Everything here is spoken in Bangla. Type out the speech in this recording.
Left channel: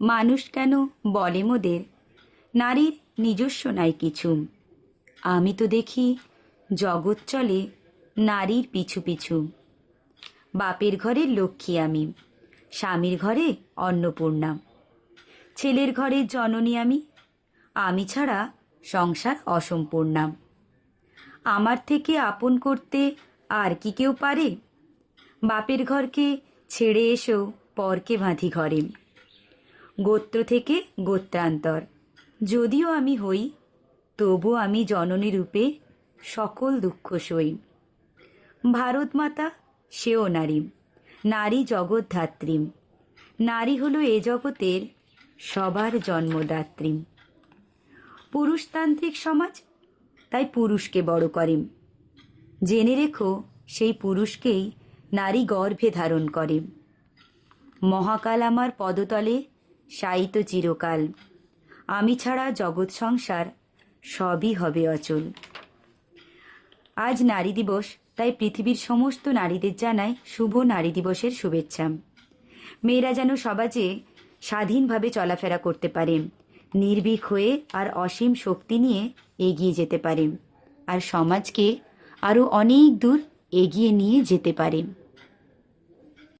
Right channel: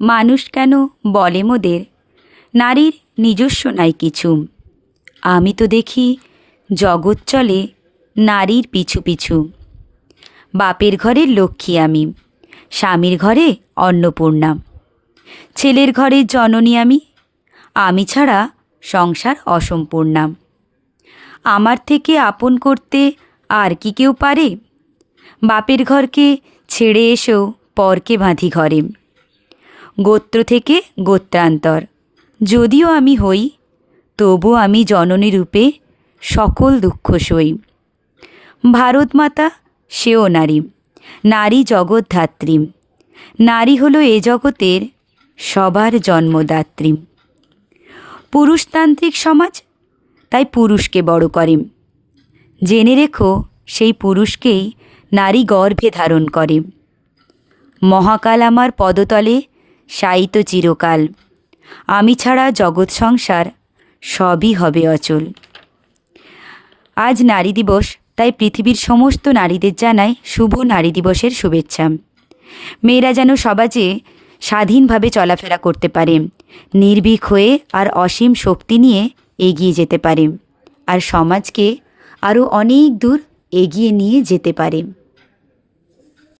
মানুষ কেন বলে মোদের নারীর নিজস্ব নাই কিছু। আমি তো দেখি জগৎ চলে নারীর পিছু পিছু। বাপের ঘরের লক্ষ্মী আমি, স্বামীর ঘরে অন্নপূর্ণা, ছেলের ঘরের জননী আমি, আমি ছাড়া সংসার অসম্পূর্ণা। আমার থেকে আপন করতে আর কি কেউ পারে? বাপের ঘরকে ছেড়ে এসেও পরকে বাঁধি ঘরে। গোত্র থেকে গোত্রান্তর যদিও আমি হই, তবু আমি জননী রূপে সকল দুঃখ সই। ভারত মাতা সেও নারী, নারী জগৎধাত্রী। নারী হলো এ জগতের সবার জন্মদাত্রী। পুরুষতান্ত্রিক সমাজ তাই পুরুষকে বড় করে। জেনে রেখো সেই পুরুষকেই নারী গর্ভে ধারণ করে। মহাকাল আমার পদতলে শায়িত চিরকাল, আমি ছাড়া জগৎ সংসার সবই হবে অচল। আজ নারী দিবস, তাই পৃথিবীর সমস্ত নারীদের জানাই শুভ নারী দিবসের শুভেচ্ছা। মেয়েরা যেন সমাজে স্বাধীনভাবে চলাফেরা করতে পারে, নির্ভীক হয়ে আর অসীম শক্তি নিয়ে এগিয়ে যেতে পারে, আর সমাজকে আরও অনেক দূর এগিয়ে নিয়ে যেতে পারে।